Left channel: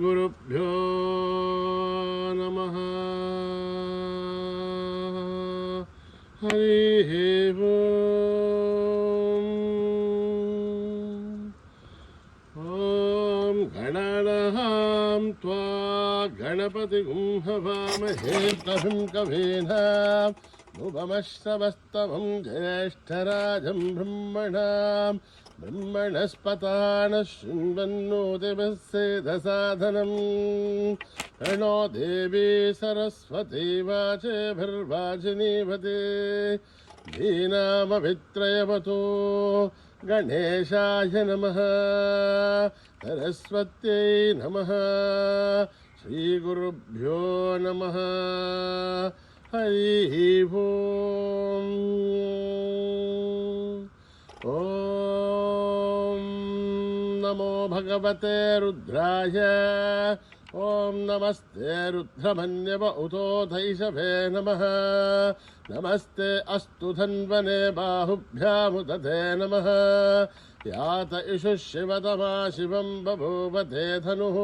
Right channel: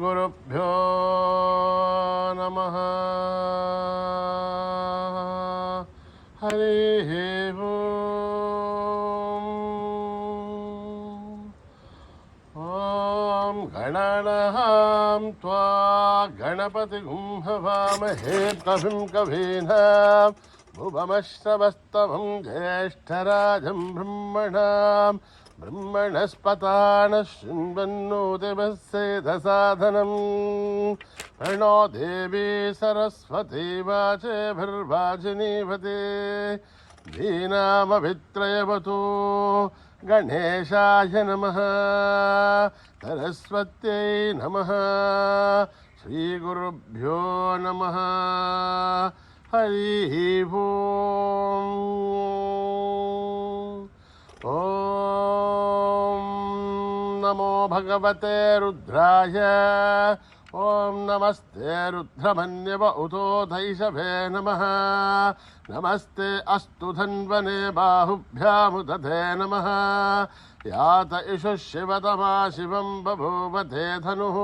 श्रीगुरुभ्यो नमः। हरिः ॐ गणानां त्वा गणपतिं हवामहे कविं कवीना भुवमश्रवस्तवं ज्येष्ठराजं ब्रह्मणस्पतानः शृण्वन्नोतिमस्सेदसाधनम् प्रणो देवी सरस्वती वाचेभिर्वाचिनीवते धीनामभित्रयवतु गणेशाय नमः सरस्वत्यै नमः श्रीगुरुभ्यो नमः हरिः ॐ नमो भगवते रुद्राय ॐ नमस्ते रुद्रमन्यव उतोधैषभे नमः नमस्ते अस्तु धन्वने बाहुभ्यामुदधे नमः यात इषुः शिवतमा शिवं बभूवते धनुः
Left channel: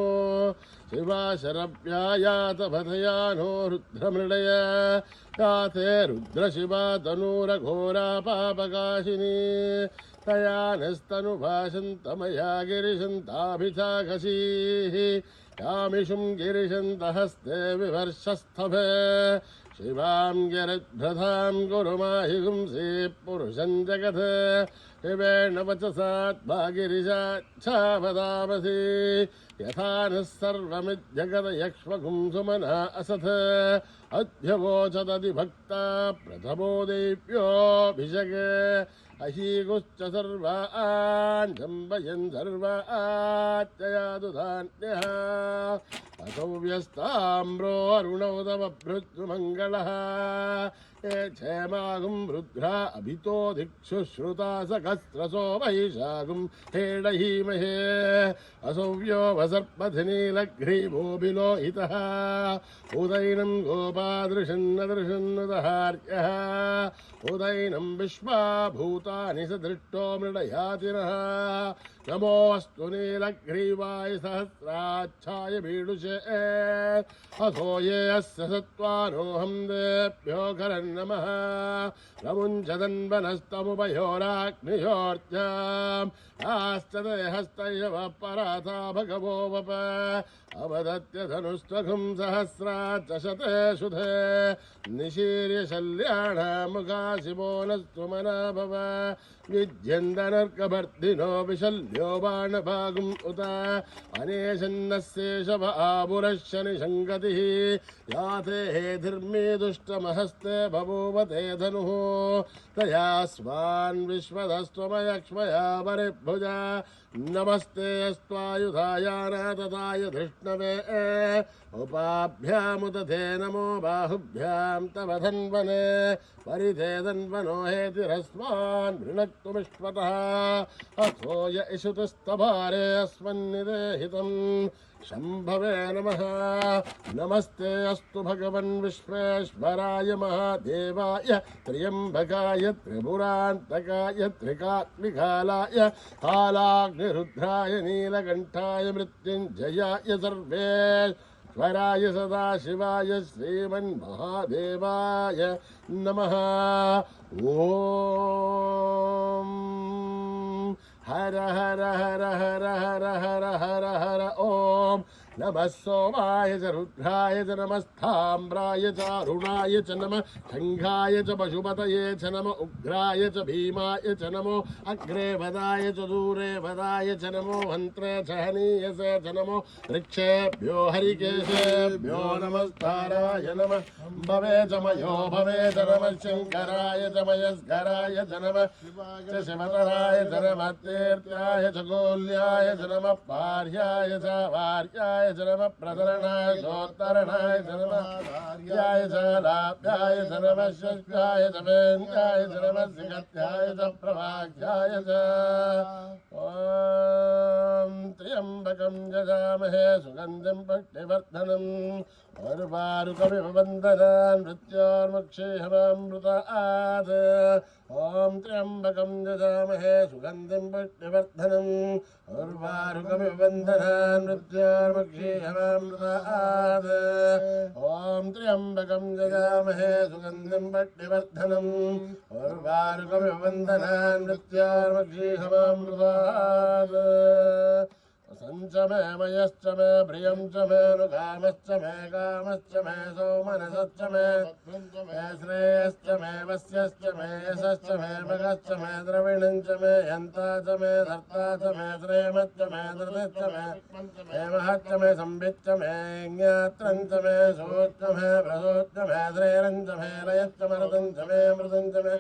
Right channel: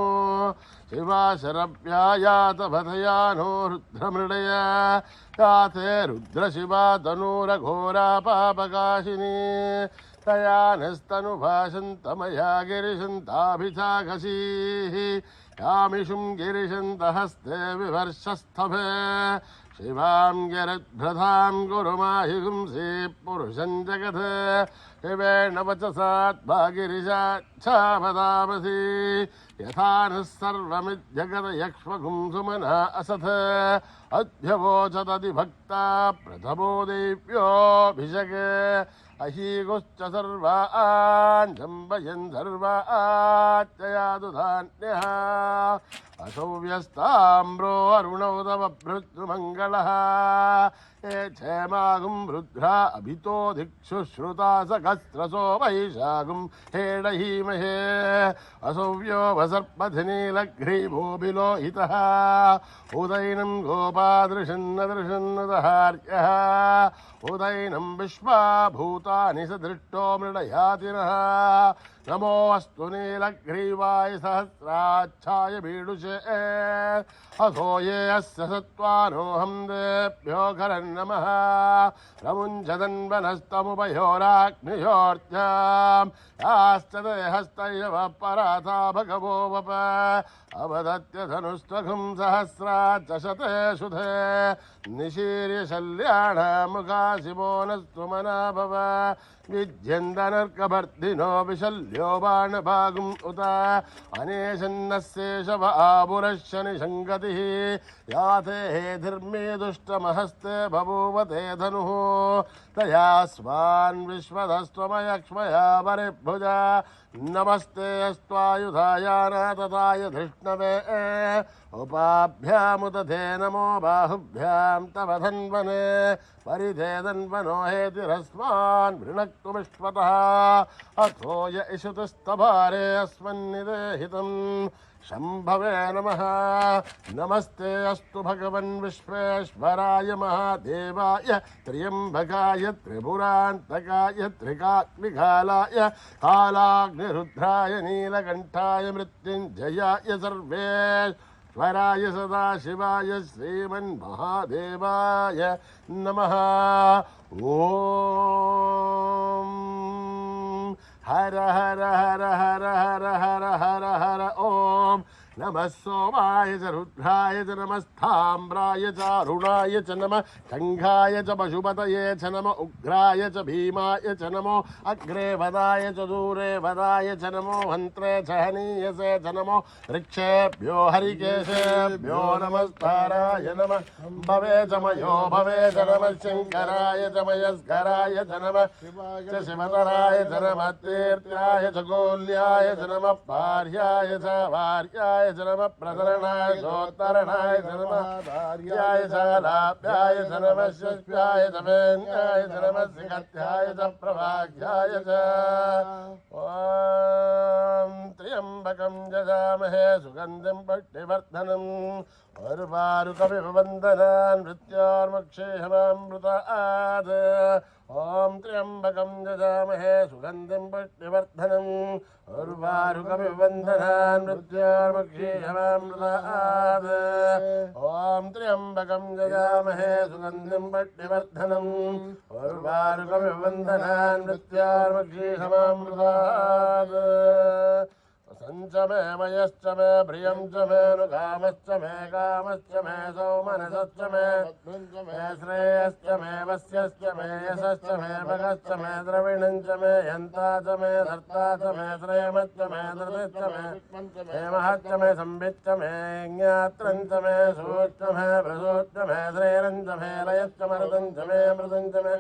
शिवाशरभ्यायात भदयानो रुद्रमृडय याते रुद्रशिवा तनूरघोरा पापकाशिनी तया निस्तनुभाषन्तमया गिरिशन्ताभिचाघसीः यामिषुं गिरिशन्तहस्ते विवर्षस्थभे शिवां गिरिभ्रधां गुरुमाहिगुंसि पुरुषं जगत् शिवेण वचसात्मा गिरिशाच्छावदामसि यथा नः सर्वमिज्जगदयक्ष्मगुं सुमना असथ अध्यवोचदधिभक्ता प्रथमो देव्योऽभिषगे अहीगुश्च सर्वाञ्जम्बयन् सर्वाच्चयादुधान्यः अथो व्यस्ताम्रो अरुणौ तव भृत्युमङ्गलः ये क्षेमागुं रुद्रा अभितो दिक्षुश्रुता सकस्रसो वैशागुं हेडहीमहे असौव्यो वसर्पथिनीलग्रीवोऽभिलोहितः उदैनं गोपादृशन्नदृशन्नदहार्यः उदैनं विश्वाभूतानि स दृष्टो मृडयातिनः नमोऽस्तु नीलग्रीवाय सहस्राच्छाय बीडुषे अथो ये अस्य सत्त्वानोऽहं देभ्यो करन्नमः प्रमुञ्चदन्वनस्तमुपयोराग्नियोर्जाम् याश्च ते हस्तैव पराथा भगवो वप अवदत्य धनुस्त्वघुं सहस्राच्च शते शुधे निशीर्य शल्याणामुखा शिवो नस्तुमना भव विद्यन्दनर्कभर्दिनो विशल्यो बाणभागुम् उत अनेशन्नस्येषव आपुरश्च निषङ्गतिः याते हेधिर्मे दुष्टमहस्ते बभूवते धनुः तया स्वान् विश्वदस्त्वमयक्ष्मया परिभुजा नमस्ते अस्त्वायुधायानातताय धृष्णवे उपाभ्यामुदधे नमो बाहुभ्यां तव धन्वने परिधे धन्वनो हेतिरस्मान् वृणक्तुमिष्वतः अथो य इषुतस्तभारे अस्मन्निदेहितम् शम्भवे नमः नमस्ते अस्तु भगवन् विश्वेश्वराय महादेवाय त्र्यम्बकाय त्रिपुरान्तकाय त्रिकात्मिकालाय कालाग्निरुद्राय नीलकण्ठाय मृत्युञ्जयाय सर्वेश्वराय सदाशिवाय श्रीमन्महादेवाय नमः ॐ हर हर हर हर हर हर हर हर ॐ नमः सोमाय च रुद्राय च नमस्ताम्राय च अरुणाय च नमः शङ्खाय च पशुपतये च नमः उग्राय च भीमाय च नमो अग्रे वदाय च दूरे वदाय च नमो हन्त्रे च हनीयसे च नमो वृक्षेभ्यो हरिकेशेभ्यो नमस्काराय नमः भवे च मयो भवे च नमः शङ्कराय च मयस्कराय च नमः शिवाय च शिवतराय च नमः तीर्थ्याय च गोल्याय च नमः पार्याय च वार्याय च नमः प्रतरणाय चोत्तरणाय च नमः धार्याय च लाभ्याय च नमः शस्याय च वेन्याय च नमः सिगत्याय च प्रभाग्याय च ॐ त्र्यम्बकं जजामहे सुगन्धिं पुष्टिवर्धनम् अर्वारुकमिव वन्दनान् मृत्योर्मुक्षेहमामृतात् ॐ त्र्यम्बकं यजामहे सुगन्धिं पुष्टिवर्धनम् अर्वारुकमिव वन्दनान् मृत्योर्मुक्षेहमामृतात् ॐ त्र्यम्बकं यजामहे सुगन्धिं पुष्टिवर्धनम् अर्वारुकमिव वन्दनान् मृत्योर्मुक्षेहमामृतात् संच मे मयश्च मे प्रियं च मे कामश्च मे सौमनसश्च मे श्रेयश्च मे वस्यश्च मे यशश्च मे भगश्च मे द्रविणं च मे यन्ता च मे धर्ता च मे श्रेयमश्च मे धृतिश्च मे हेमश्च मे संविच्च मे ज्ञात्रं च मे सोच्च मे प्रसोच्च मे श्रेयं च मे लयश्च मरुतं च मे अमृतं च मे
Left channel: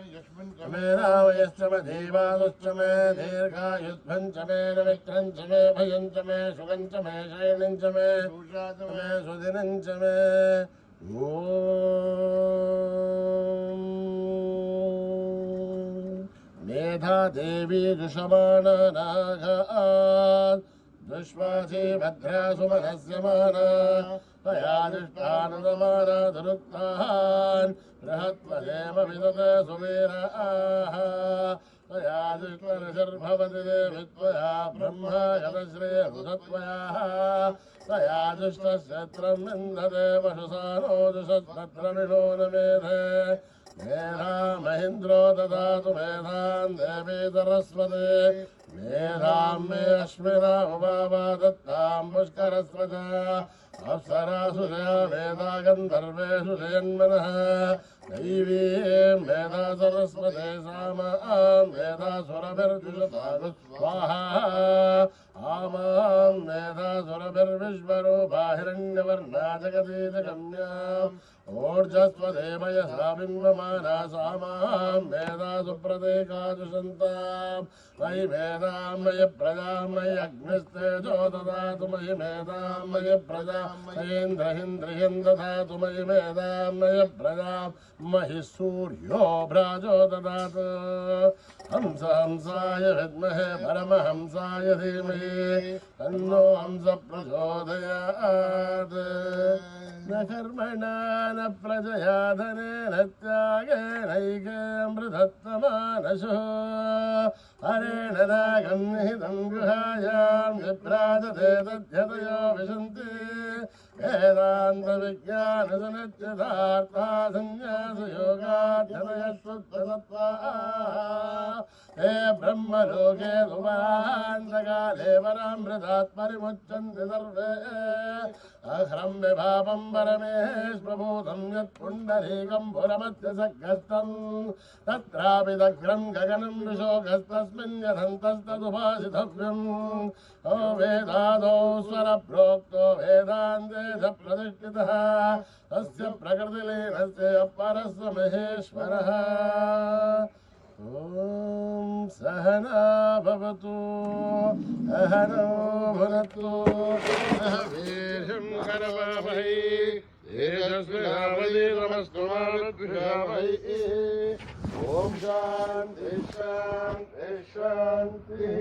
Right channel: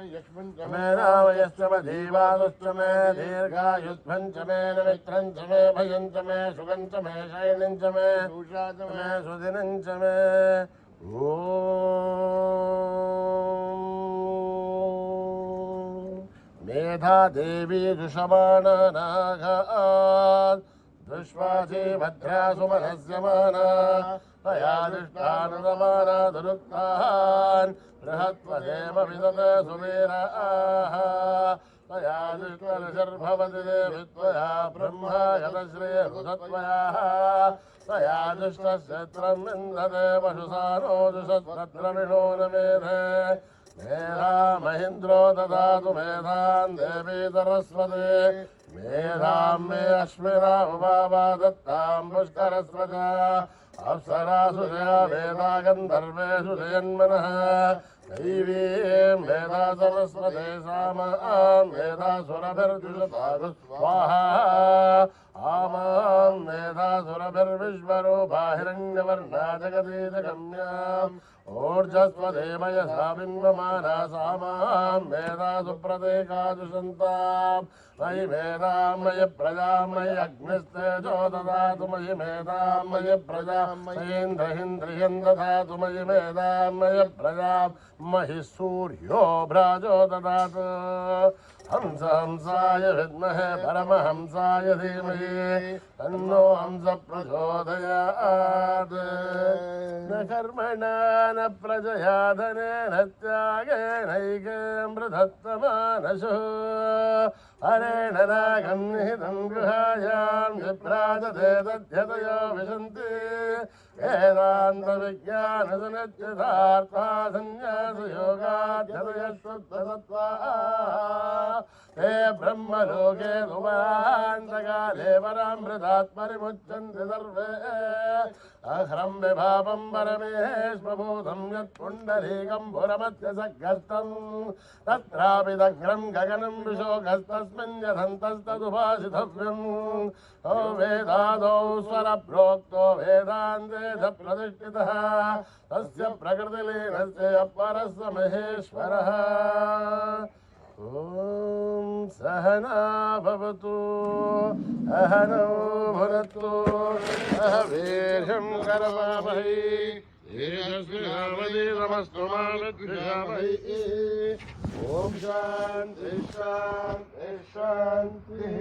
मे रामयश्च मे धीवालुश्च मे दीर्घायुष्भं च मे नमित्रं च मे भयं च मे सुगं च मे शयनं च मे सुदिनं च मे मेधा देवी दुषमाणानाघात् दुष्वासे भद्रा सुमनस्यमाना तया दृष्टानुगमाना दुरुक्तान् बृहत्वदेव विदते सुवीराः तया दुष्टर्षर्भवति देवित्वया ब्रह्मा यदश्रेयसुतत्वया तया दुष्टश्चत्रं विन्दते पशुसानो दुषत्तत्रमिणो न मेधे मेधा महेन्द्रो ददातु मेधां देवी सरस्वती मेधां मे अश्विनामुपा दत्तां पुष्करस्वजा अप्सरासु जया वेदा गन्धर्वेषु जयन्मनः दैवीं वेदा सरस्वती सामां वेदा सुरभिर्जुषतागु स्वाहा आमां वेदा सुरभिर्विश्वरूपा हिरण्यवर्णा जगदीशगम्याम् ऊर्जस्वदेवयसा बिम्बमाना सामां वेदा सुप्रतीकाजुषन्तां मयि वेदां मयि प्रजां मयि अग्निस्तेजो ददातु मयि मेधां मयि प्रजां मयीन्द्रहिन्द्रियं ददातु मयि मेधां मयि प्रजां महि सूर्यो भ्राजो ददातु हंस हंसाय विद्महे परमहंसाय धीमहि तन्नो हंस प्रचोदयात् न कर्मणा न प्रजया धनेन त्यागेनैकेऽमृतत्वमानशुः हरेण रागं निहितं गृहायां विभ्राजते तद्यतयो विशन्ति वेदान्तविज्ञानसुनिश्चितार्था संन्यासयोगाध्यतयस्तत्त्वतत्त्वा हे ब्रह्मलोके सुमहान्तकाले परामृतात्मरिमुच्यन्ते सर्वे अहं विभावं परमेश्वरभूतं यत्पुण्डरीकं पुरमस्य सघस्तं तत्रापि दग्रं गगनं विशोकस्तस्मिन् यथन्तस्तदुभासितव्यम् ओ वेदादौ स्वरप्रोक्तो वेदान्ते च प्रतिष्ठितः तस्य प्रकृतिलीनस्य अपरस्य महेश्वरः ॐ सहना भवतु अहनो भुनक्तु सह वीर्यं करवावहै तेजस्विनावधीतमस्तु मा विद्विषावहै ॐ शान्ति शान्ति शान्तिः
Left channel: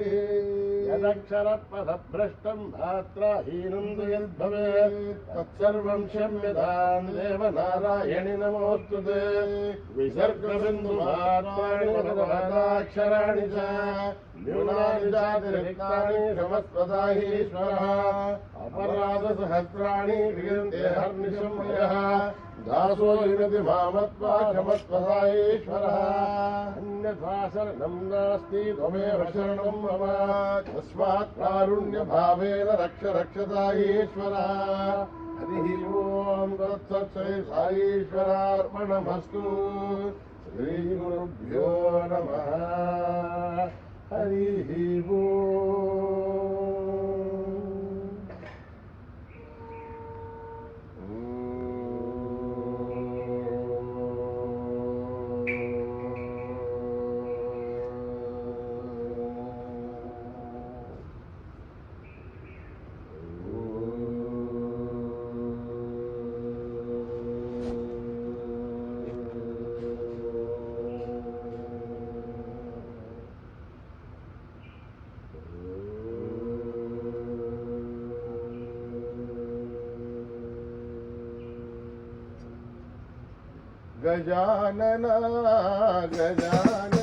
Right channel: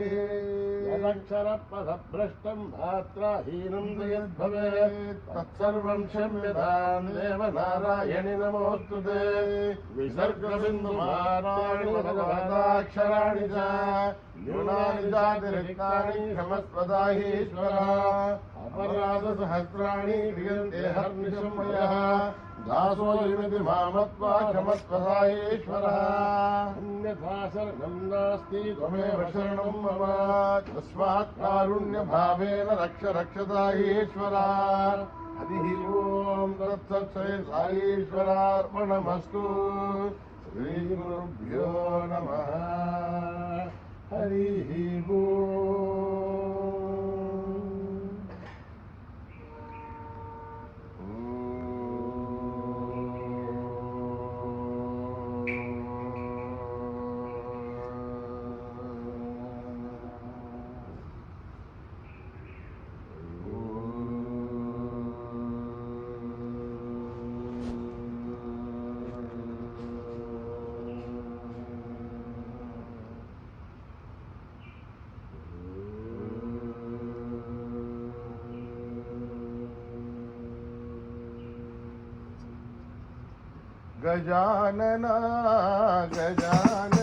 यदक्षरपदभ्रष्टं धात्राहीनं यद्भवेत् तत्सर्वं क्षम्यतां देवनारायणि नमोऽस्तु ते विसर्गबिन्दुमात्राणि भगवताक्षराणि च न्यूनानि चातिरिक्तानि क्षमस्वदाहीश्वरः अपराधसहस्राणि क्रियन्ते हर्निशम्यः दासो युनति मामत्वा क्षमस्वदाहीश्वरः अन्यथा शरणं नास्ति त्वमेव शरणं मम तस्मात् कारुण्यभावेन रक्ष रक्षदाहीश्वरः हरिः ओं तत्सत् श्री साईश्वरार्पणमस्तु श्रीगुरुभ्यो नमः हरिः ओम गजानना गजानना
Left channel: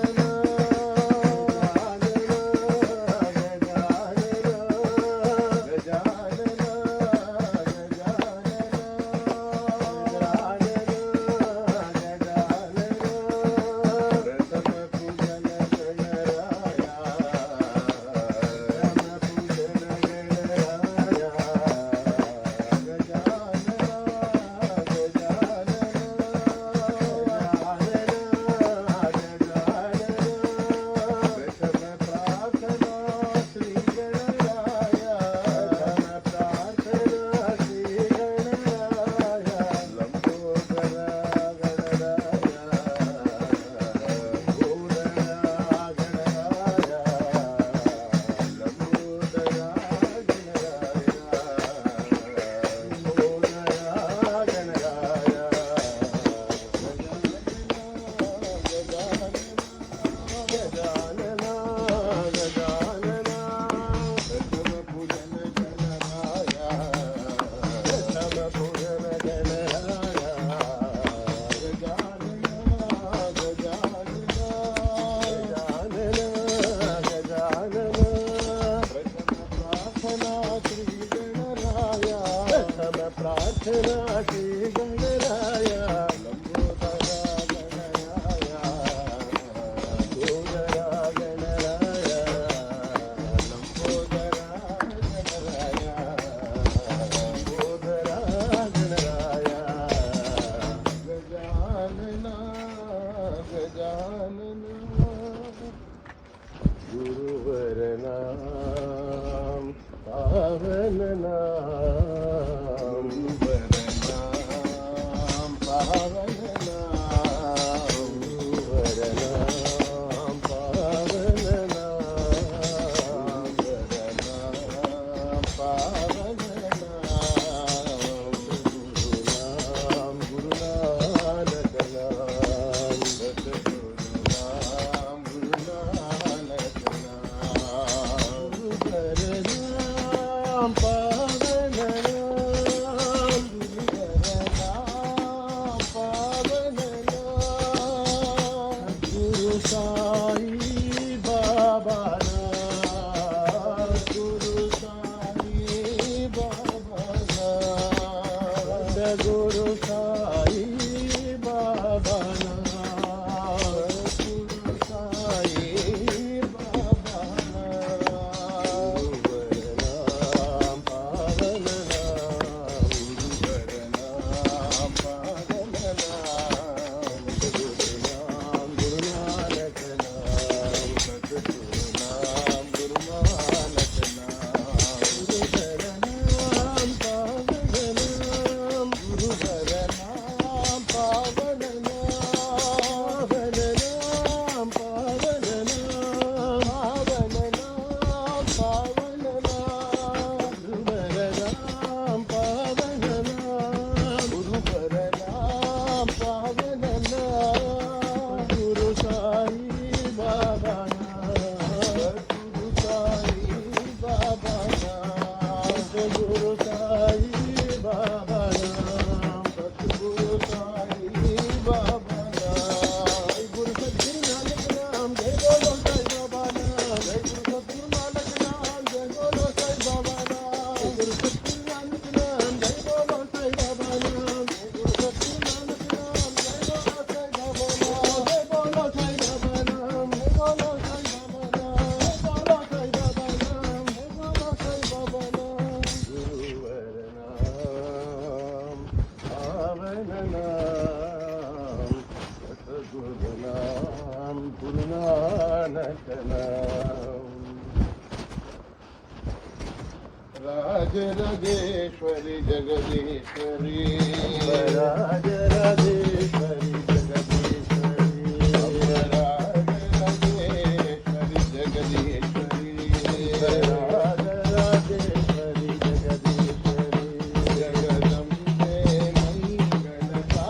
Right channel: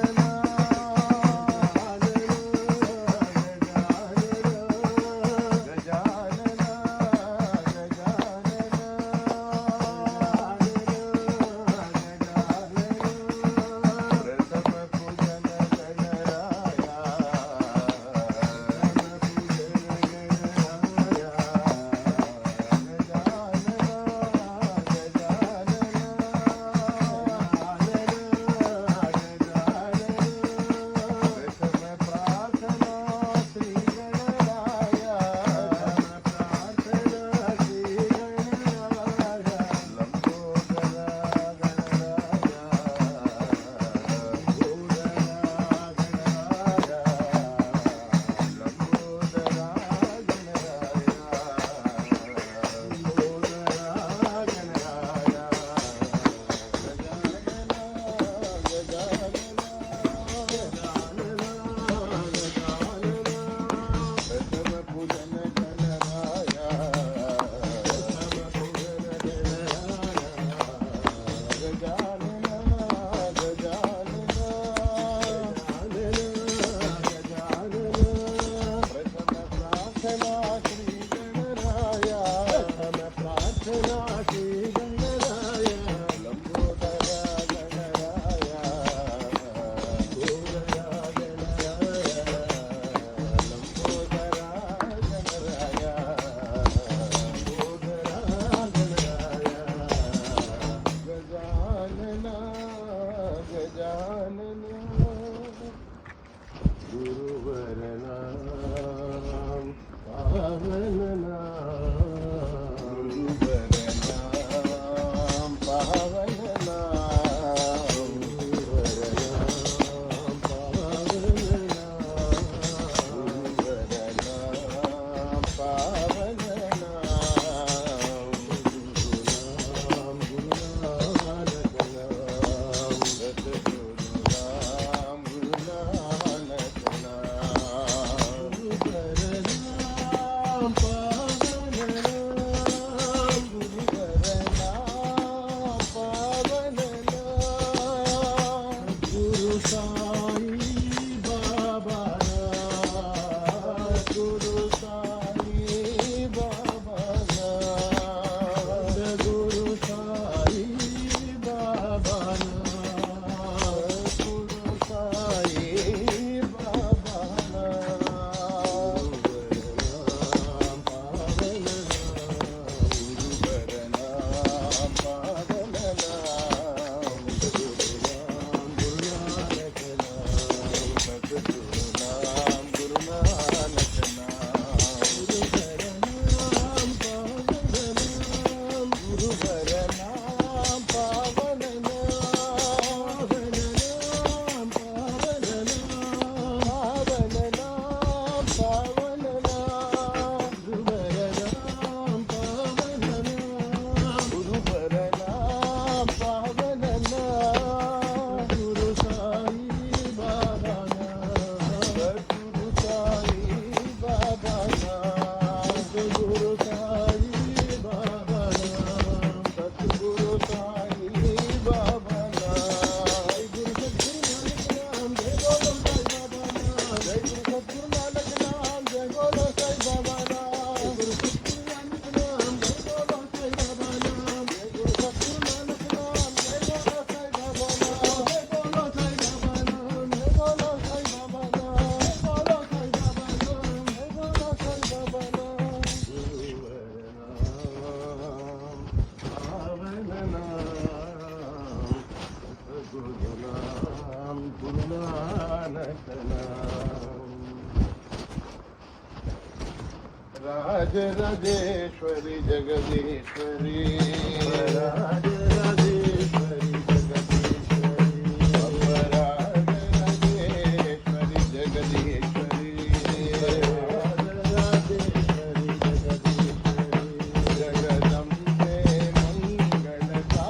राजेश्वरी जगदीश्वरी राजेश्वरी जगदीश्वरी राजेश्वरी जगदीश्वरी राजेश्वरी जगदीश्वरी जगदम्बे मंगलकारिणी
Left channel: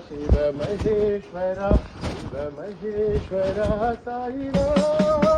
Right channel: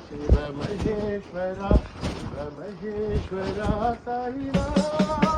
शिव महेश्वरा शिव महेश्वरा साईराम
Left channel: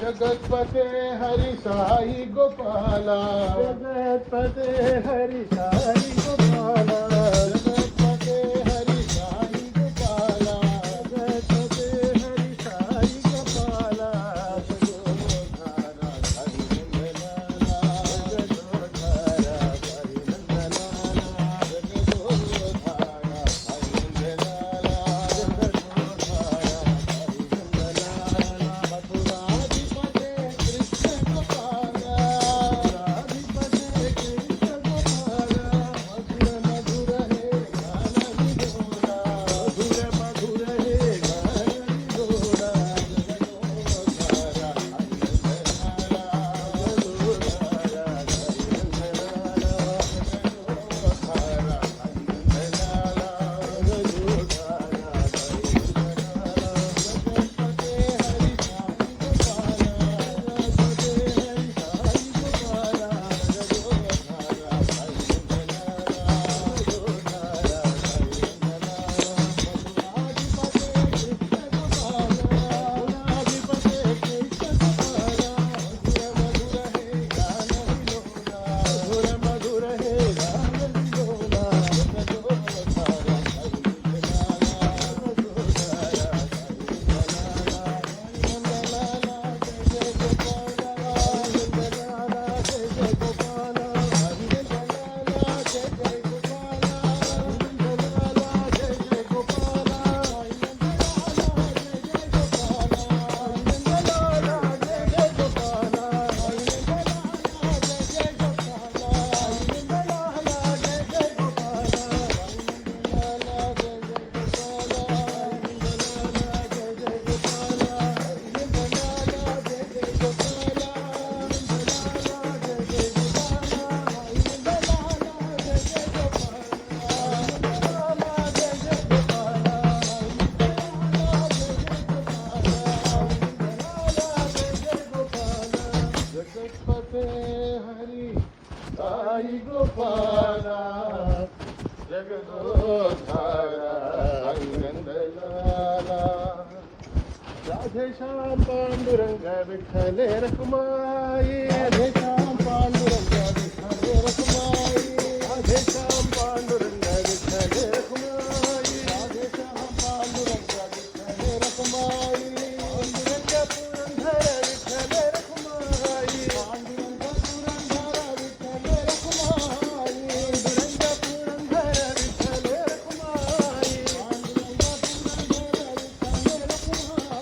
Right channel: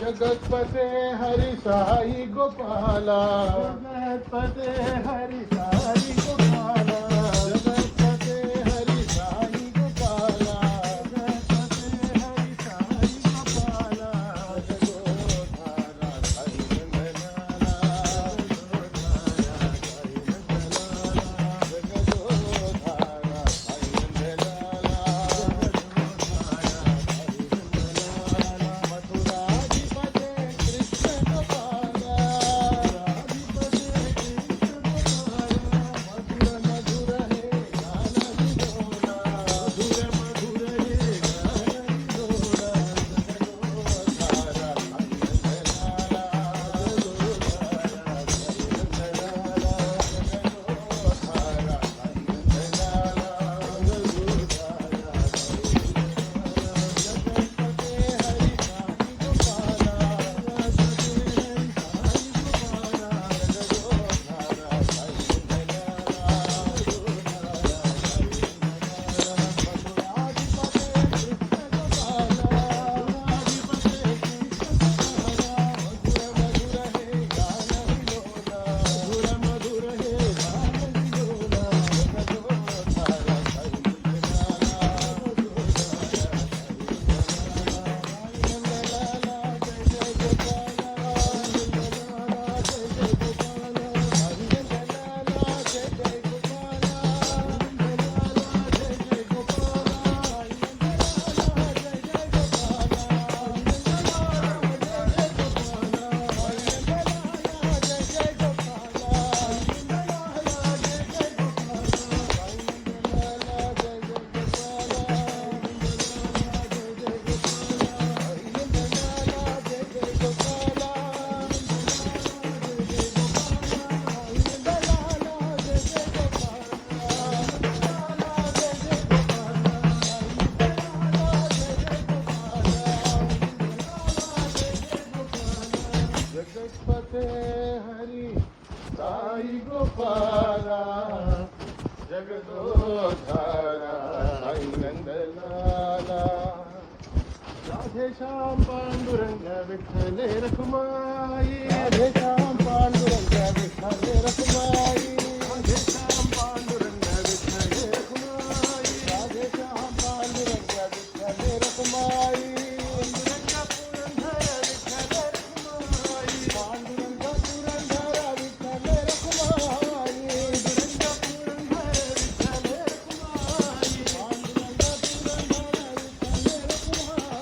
जगतपते हरि साई गोपाला जगतपते हरि साई गोपाला जगतपते हरि साई गोपाला जगतपते हरि साई गोपाला जगोधारा साई मंगलाला जगोधारा साई मंगलाला जगोधारा साई मंगलाला जगोधारा साई मंगलाला मथुरा साई गोपाला जगदोधारा नंदलाला राधे श्याम पांडुरंग विठ्ठले रखुमाई राधे श्याम रखुमाई राधेश्याम पांडुरंग विठ्ठल रखुमाई राधेश्याम पांडुरंग विठ्ठल रखुमाई पांडुरंग पुरंदर विठ्ठल रखुमाई पांडुरंग पुरंदर विठ्ठल रखुमाई पांडुरंग पुरंदर विठ्ठल रखुमाई पांडुरंग पुरंदर विठ्ठल रखुमाई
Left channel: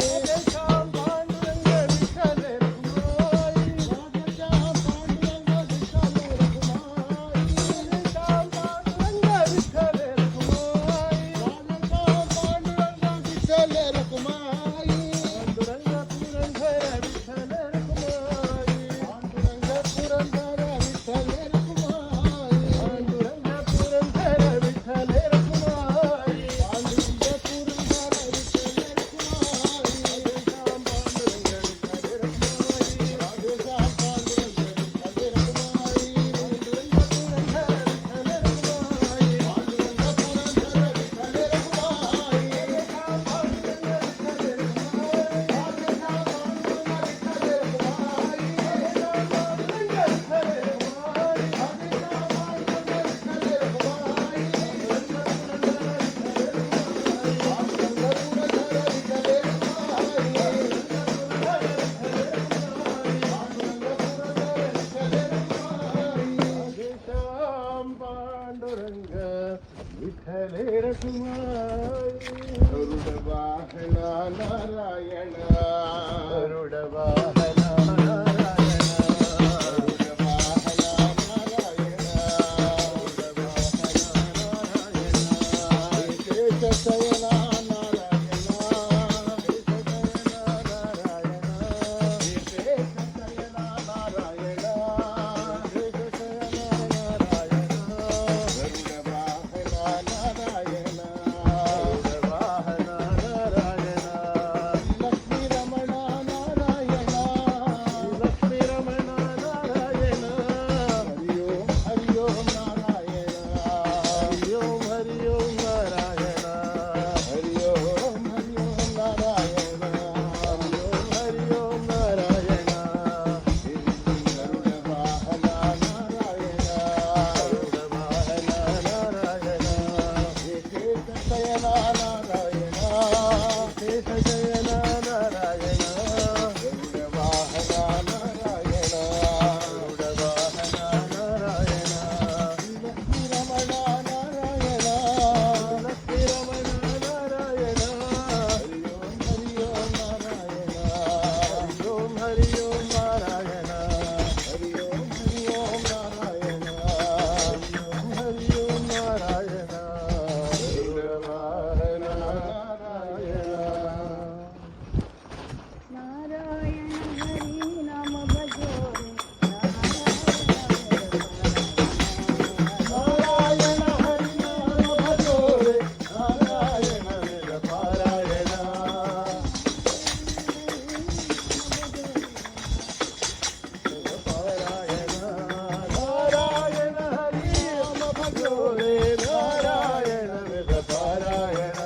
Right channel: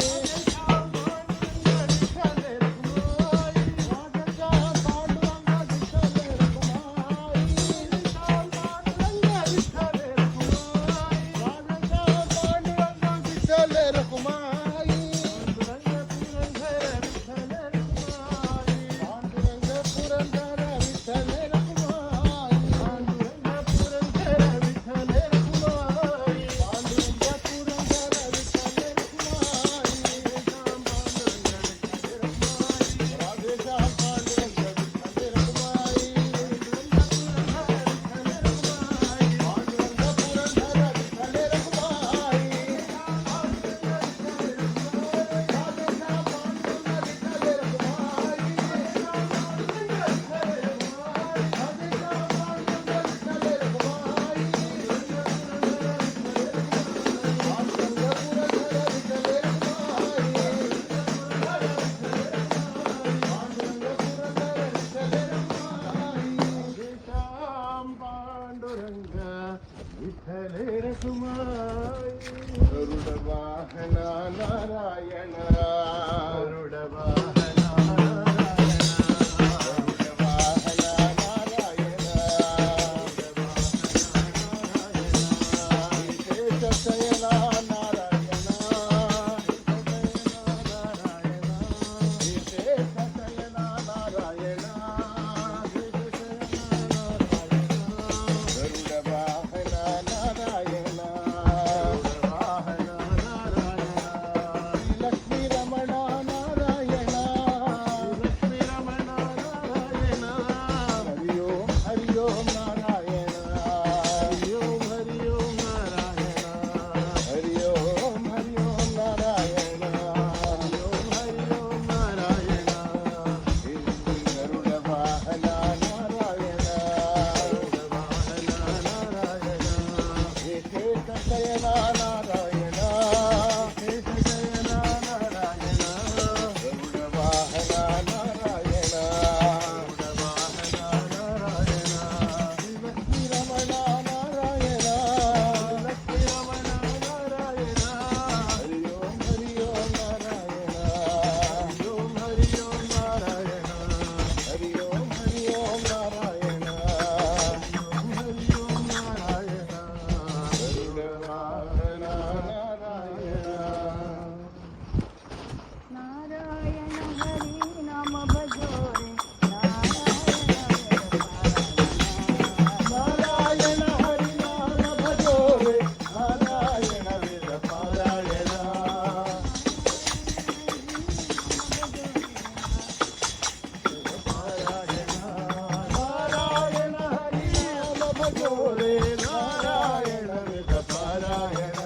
राधेश्याम पांडुरंग विठ्ठल रखुमाई राधेश्याम पांडुरंग विठ्ठल रखुमाई राधेश्याम पांडुरंग विठ्ठल रखुमाई राधेश्याम पांडुरंग विठ्ठल रखुमाई पांडुरंग पुरंदर विठ्ठल रखुमाई पांडुरंग पुरंदर विठ्ठल रखुमाई पांडुरंग पुरंदर विठ्ठल रखुमाई पांडुरंग पुरंदर विठ्ठल रखुमाई राधेश्याम पांडुरंग विठ्ठल रखुमाई राधेश्याम पांडुरंग विठ्ठल रखुमाई पांडुरंग पुरंदर विठ्ठल रखुमाई पांडुरंग पुरंदर विठ्ठल पांडुरंग विठ्ठल रखुमाई गरुड वाहना नारायण गरुड वाहना शयना नारायण शयना नारायण लक्ष्मी रमण नारायण लक्ष्मी रमण नारायण हरि ओम नारायण हरि ओम नारायण हरि ओम नारायण हरि ओम नारायण गरुड वाहना नारायण गरुड वाहना नारायण शेष शयना नारायण शेष शयना नारायण गरुड वाहना नारायण गरुड वाहना नारायण लक्ष्मी रमण नारायण लक्ष्मी रमण नारायण हरि ओम नारायण हरि ओम नारायण हरि ओम नारायण हरि ओम नारायण गरुड वाहना नारायण नारायण हरि नाम भजोरे नारायण हरि नाम भजोरे नारायण वेद पारायण नारायण हरि नाम भजोरे नारायण वेद पारायण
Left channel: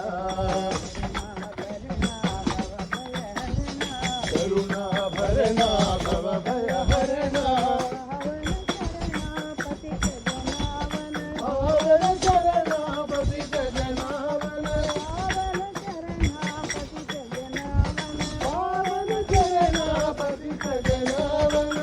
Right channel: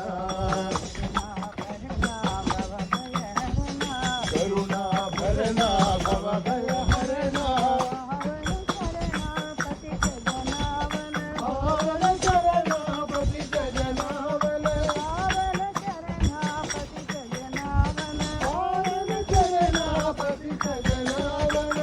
करुणा भरणा भव भय हरणा पावन शरणापति जनावन पावन शरणापति जनावन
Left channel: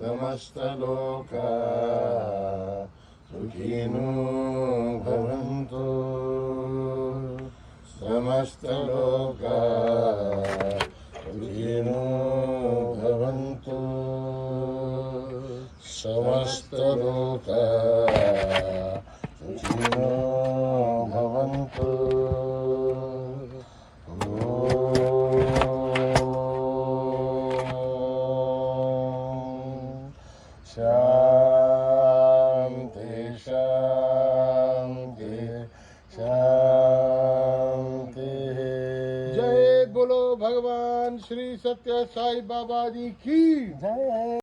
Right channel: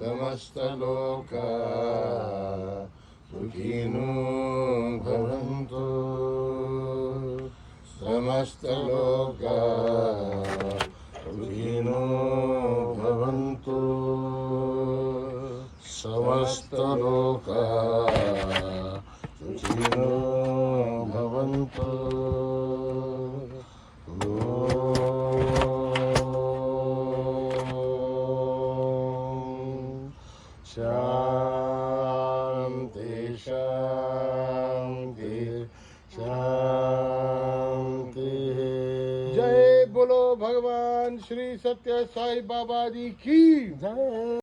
समस्त लोक सुखिनो भवन्तु समस्त लोक सुखिनो भवन्तु समस्त लोक सुखिनो भवन्तु शांति शांति शांति। जय बोलो भगवान श्री सत्य साई बाबा जी की जय।